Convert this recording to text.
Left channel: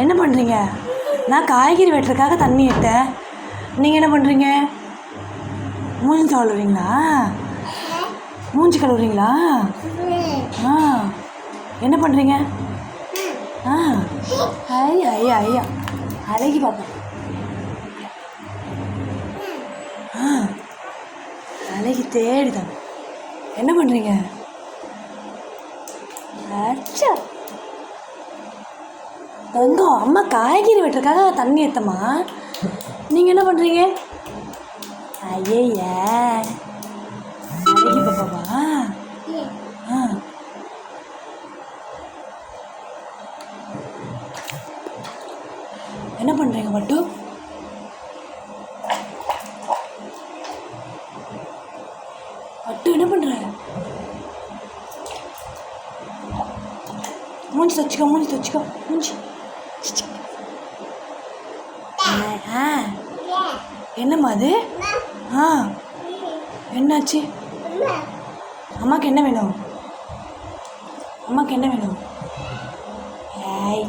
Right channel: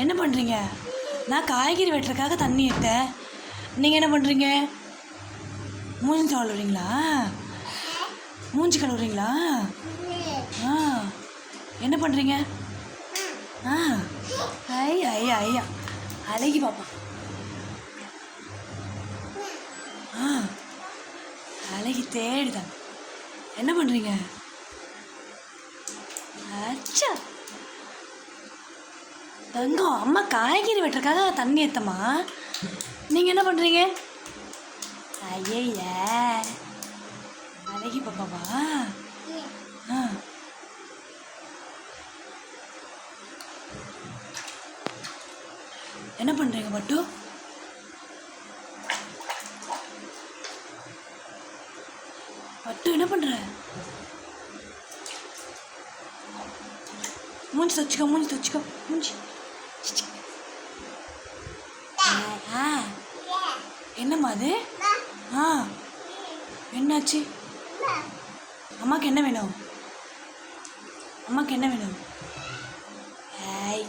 என்ன பண்ணுறீங்க? நான் காய்கறி வெட்டுறதுக்காக தண்ணி எடுத்தேன். நீங்கள் என்ன பண்ணுறீங்க? மூஞ்சி கழுவுறீங்களா? மூஞ்சி கழுவுறீங்களா? ஆ, என்ன பண்ணுறீங்க? ஆ, ஐயா ஐயா ஐயா அழகி பாப்பா. ஆ, அழகி தேடிதான். என்ன பண்ணுறீங்க? அச்சா தங்கம், அம்மா காய்கறி வெட்டுறதுக்காக தண்ணி ஏற்றம்மா. நீங்கள் என்ன பண்ணுறீங்க? ஐயா அழகி பாப்பாவா? ஆ, என்ன பண்ணுறீங்க மட்டு? மட்டு என்ன பண்ணுற? மூஞ்சி துவச்சிக்கோ, மூஞ்சி துவச்சிக்கோ, மூஞ்சி. ஆ, என்னம்மா அது? ஆ, என்னாச்சு? அம்மாவுக்கு என்ன வேணும்? அம்மாவுக்கு என்ன வேணும்? ஏய்